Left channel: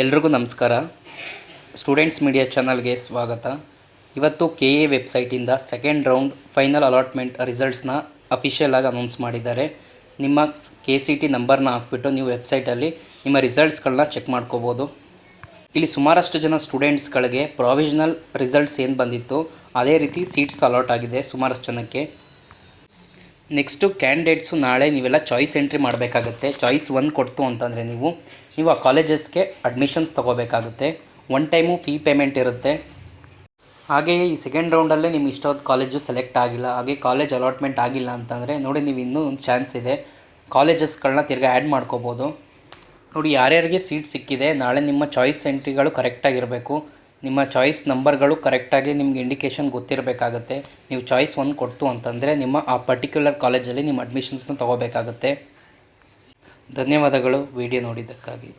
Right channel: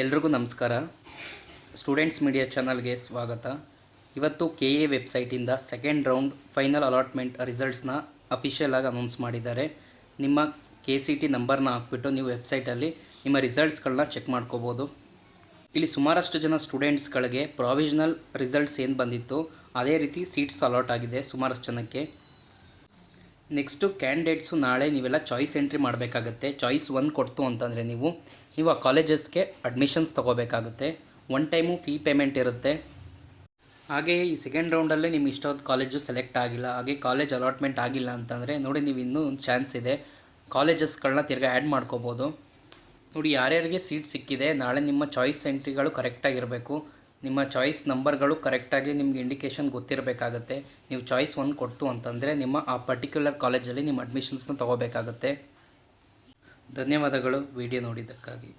ಎಲ್ರಿಗೂ ನಮಸ್ಕಾರ. Students media ಚಾನಲ್ಗೆ ಸ್ವಾಗತ. ಇವತ್ತು KA ವೆಬ್ಸೈಟಿಂದ ಸೆಕೆಂಡ್ ರೌಂಡ್ ಫೈನಲ್ ಅಲಾಟ್ಮೆಂಟ್ ರಿಸಲ್ಟ್ಸ್ನ ಅಫಿಷಿಯಲ್ ಆಗಿ ಅನೌನ್ಸ್ ಮಾಡಿದ್ದಾರೆ. ನಿಮ್ಮ KCT ನಂಬರ್ನ ಹಾಕ್ಬಿಟ್ಟು ನೀವು ವೆಬ್ಸೈಟಲ್ಲಿ ನಿಮ್ಮ ರಿಸಲ್ಟ್ಸ್ಗಳನ್ನ ಚೆಕ್ ಮಾಡ್ಕೋಬೋದು. ಇಲ್ಲಿ ಸುಮಾರಷ್ಟು ಜನ ಸ್ಟೂಡೆಂಟ್ಸ್ಗಳಿಗೆ ಪ್ರಾವಿಷನಲ್ ರಿಸಲ್ಟ್ಸ್ ಏನು ಬಂದಿತ್ತು ಅದೇ ರೀತಿ ಸೀಟ್ಸ್ ಅಲಾಟ್ ಆಗಿದೆ ಸುಮಾರಷ್ಟು ಜನಕ್ಕೆ. ನೆಕ್ಸ್ಟು ಕ್ಯಾಂಡಿಡೇಟ್ಸು ನಾಳೆ ನೀವೆಲ್ಲ ಚಾಯ್ಸ್ ಎಂಟ್ರಿ ಮಾಡಬೇಕಾಗುತ್ತೆ. ಚಾಯ್ಸ್ 1 ಕೊಡ್ತು ಅಂತಂದರೆ ನೀವು ಆ ಕಾಲೇಜಸ್ಗೆ ಅಡ್ಮಿಷನ್ಸ್ ತೊಗೋಬೇಕಾಗುತ್ತೆ. 1 ಟೈಮು ಫೀ ಪೇಮೆಂಟ್ ಇರುತ್ತೆ. ಹಾಗೆಯೇ ಈ ಸೆಕೆಂಡ್ ರೌಂಡಲ್ಲೇ ನಿಮ್ಮ ಇಷ್ಟವಾದ ಕಾಲೇಜು ಸೆಲೆಕ್ಟ್ ಆಗಿಲ್ಲ, ಹಾಗೆ ಕಾಲೇಜ್ ಅಲಾಟ್ಮೆಂಟ್ ಆಗಿಲ್ಲ ಅಂತಂದರೆ ನೋಡಿ, ನೀವು ಇನ್ನೂ ಒಂದು ಚಾನ್ಸ್ ಇದೆ, ಕಾಲೇಜಸ್ಗಳನ್ನ ತಿರ್ಗಿ ಆ್ಯಡ್ ಮಾಡ್ಕೋಬೋದು. ನೋಡಿ, ಯಾರ್ಯಾರಿಗೆ ಸೀಟ್ ಸಿಕ್ಕಿದೆ ನಾಳೆ ನಿಮ್ಮ ಚಾಯ್ಸ್ ಎಂಟ್ರಿಗಳು ಕರೆಕ್ಟಾಗಿರಬೇಕು. ನಿಮ್ಮ ಚಾಯ್ಸ್ ನಂಬರ್ಗಳು ಕರೆಕ್ಟಾಗಿ ನಿಮ್ಗೆ ಇಂಡಿಕೇಷನ್ ಗೊತ್ತಿರಬೇಕಾಗುತ್ತೆ. ನೀವು ಚಾಯ್ಸ್ 1 ಕೊಡ್ತು ಅಂತಂದರೆ ನಿಮ್ಮ ಆ ಪರ್ಟಿಕ್ಯುಲರ್ ಕಾಲೇಜಲ್ಲಿ ನಿಮ್ಮ ಅಡ್ಮಿಷನ್ಸ್ನ ತೊಗೋಬೇಕಾಗುತ್ತೆ. ಧನ್ಯವಾದಗಳು ವಿಡಿಯೋ ನೋಡಿದ್ದಕ್ಕಾಗಿ.